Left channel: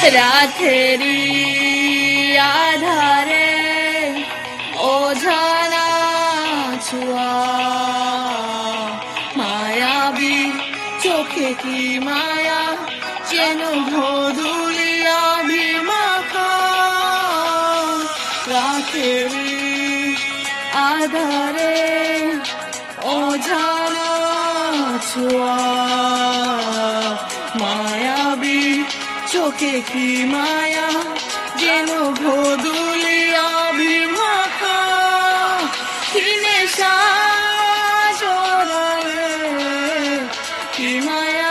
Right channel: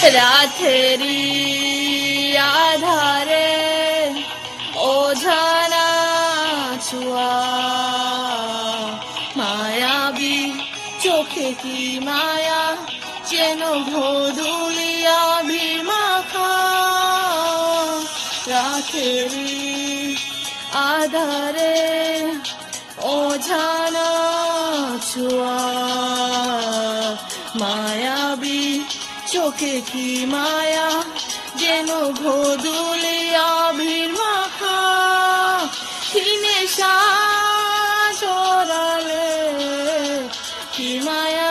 রাতেরি আধারে ওঝানা ছোঁয়া মায়াবী চোখে কি মায়া যেন ধুলিয়া মাখা রাতেরি আধারে ওঝানা ছোঁয়া মায়াবী চোখে কি মায়া যেন ধুলিয়া মাখা কিনে চড়ালে কি মায়া